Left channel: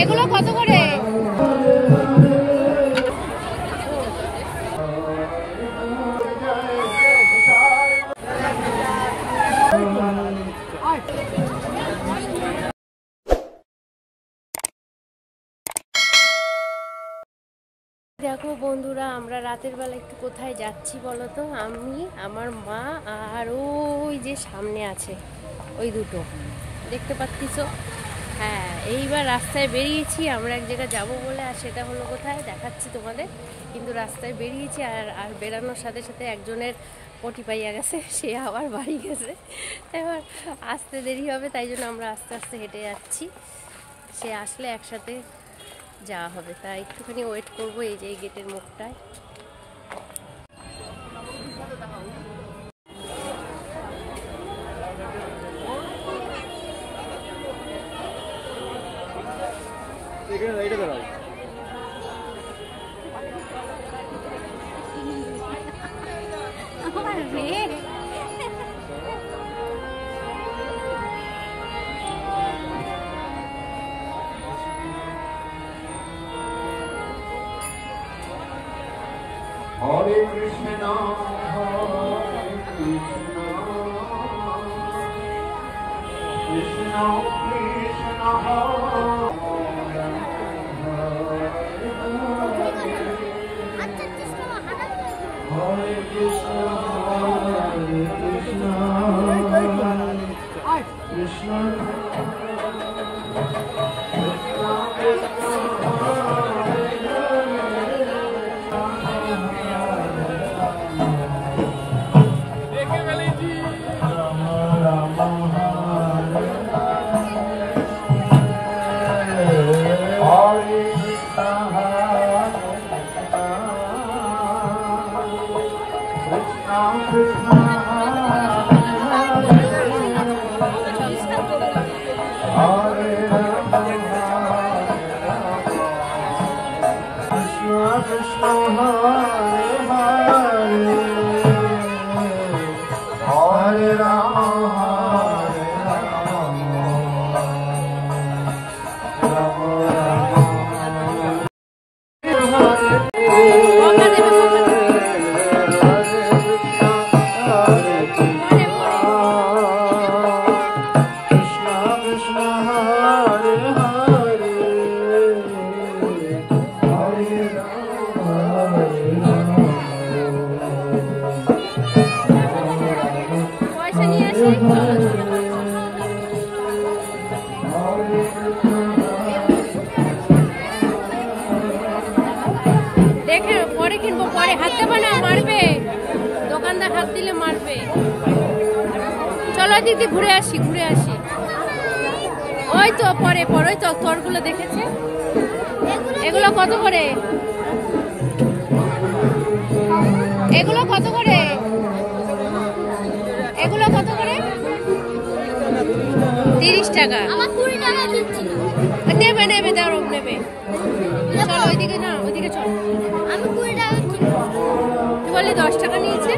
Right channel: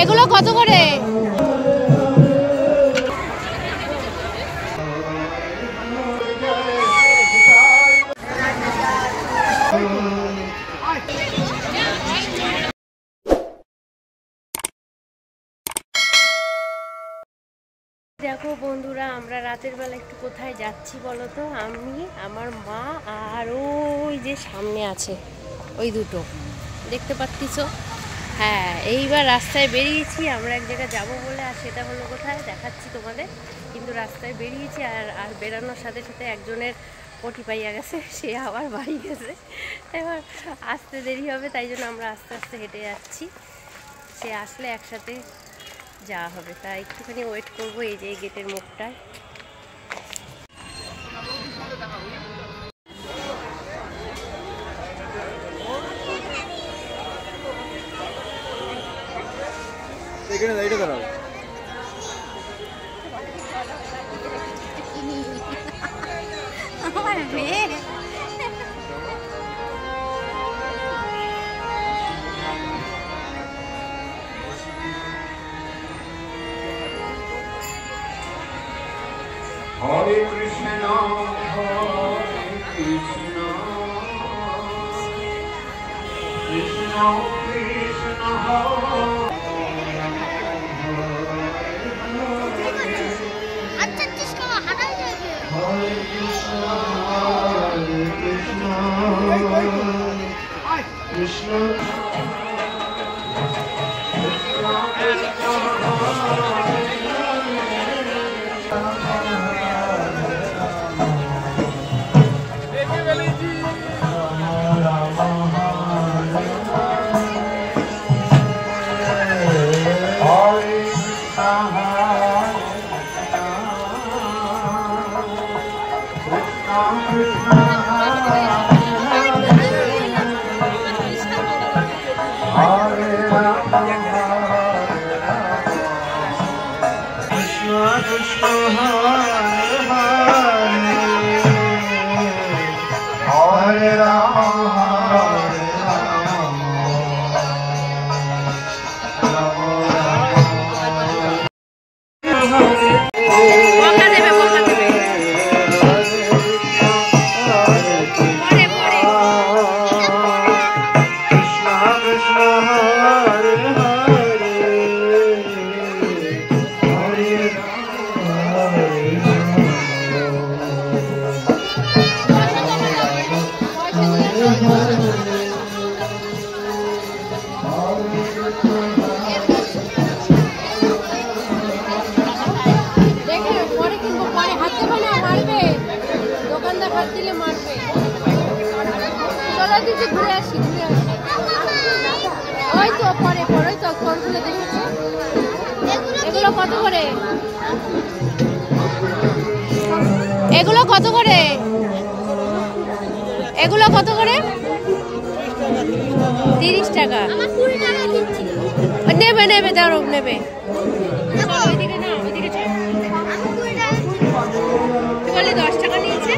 এগুলো কত করে? দেখো বন্ধুরা, আমরা রাতের বেলা একটু কোথায় যাচ্ছি বলো তো? আমি, আমার মা আর ওই যে সামনে আছে ওই দুটো দেখতে পাচ্ছ। হ্যাঁ, এইবার রাস্তায় বেরিয়েছি আমরা এক জায়গায় যাবো বলে। আর সেটা হলো কোথায় দেখাচ্ছি তোমাদের। কিন্তু রাস্তায় বেরিয়েছি আর বেরানোর সাথে সাথে একজনের পটি পাইয়া গেছে, সে আবার বাড়ি গেছে। এবার আসতে দেরি হবে, তাই জন্য আমরা আস্তে আস্তে হেঁটে যাচ্ছি। সে আসলে একসাথে যাওয়া হবে, তাই একটুখানি ওয়েট করবো এই যে এই গেটের মুখটায়। Hare Krishna, Hare Krishna, Krishna Krishna, Hare Krishna, Krishna দিদি ঘুরে আসি ওই তো পরে ওই তো খড়গুলো দেখেছে। এগুলো কত করে? এগুলো কত করে? এগুলো কত করে? 30 টাকা। নেবে নেবে দাঁড়ো নেবে। চলো ওইদিকে, না ওইদিকে চলো। কি বললে 10 টাকা নিয়েছে?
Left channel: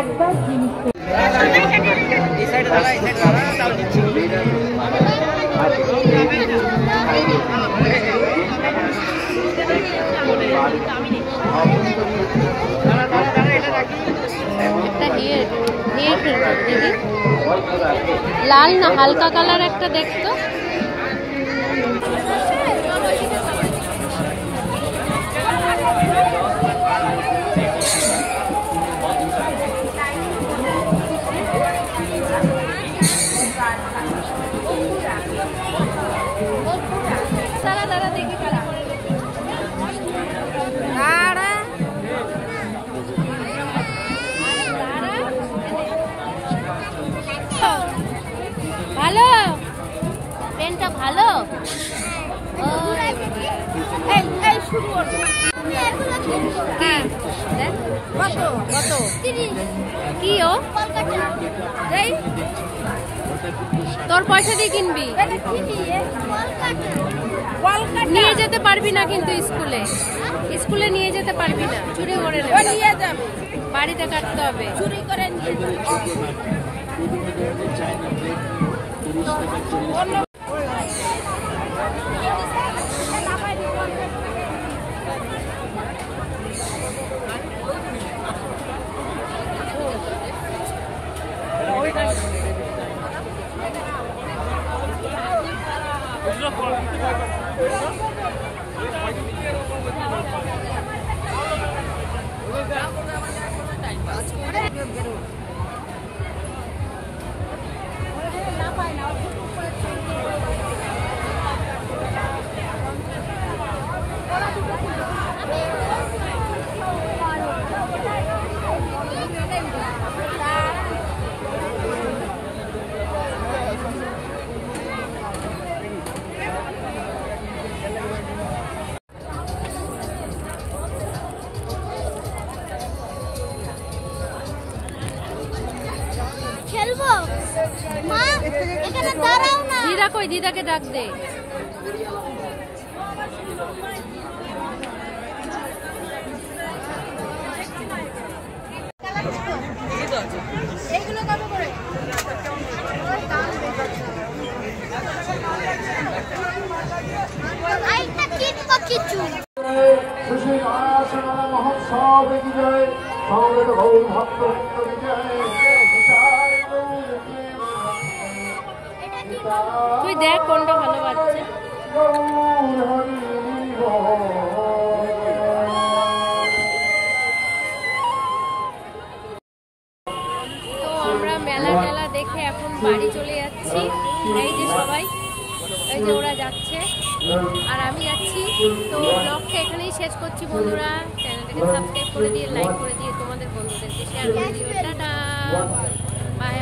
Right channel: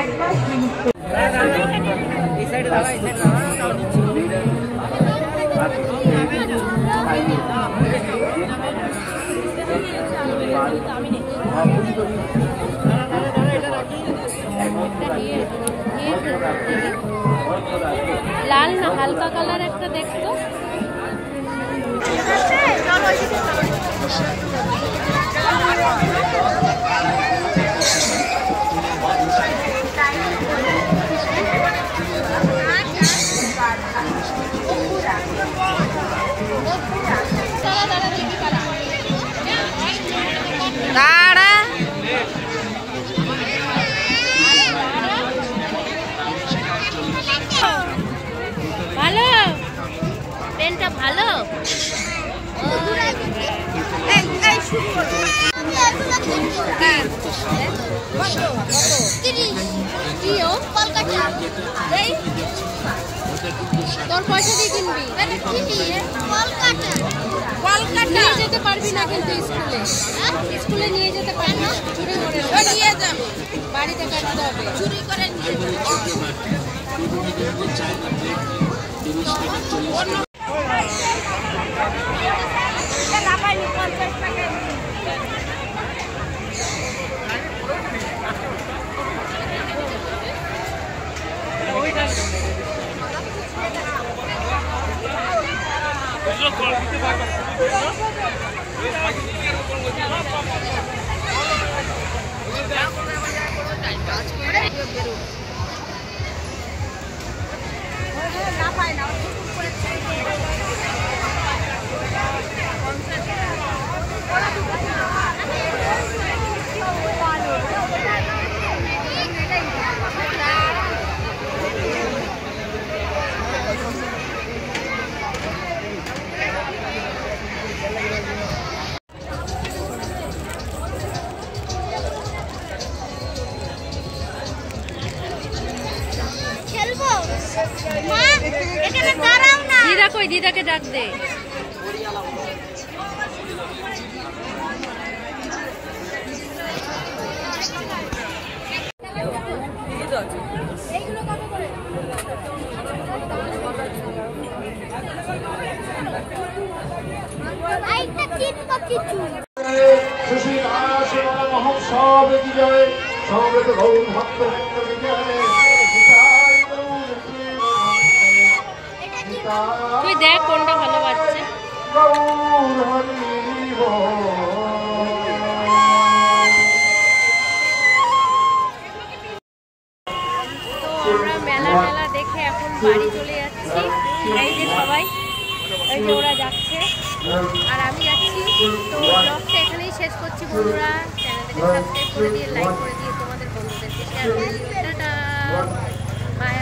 একবার জিনিস লাল না হালকা কালার একটা দেখতো। ভালো কি ও তোর পয়সা দিয়ে কিনবি নিয়ে যেতে পারবি না কিন্তু স্কুলে স্কুলে নিয়ে যেতে পারবি না চুরি করে বাড়িতে কাটতে হবে চুরি করে নিয়ে দিদা কই দিদাকে ডাক দে তুই দেখ কোনটা ভালো বাজছে তো আমরা মেলা দেখে এখন বাড়ি চলে যাচ্ছি এই যে সবাই এই যে ওরা যাচ্ছে আর আমি যাচ্ছি তো ব্লগটা এখানেই শেষ করছি বন্ধুরা চ্যানেলটাকে সাবস্ক্রাইব করে দিয়ে লাইক করে দিয়ে তোমাদের বন্ধুদেরকে শেয়ার করে দিও টাটা বাই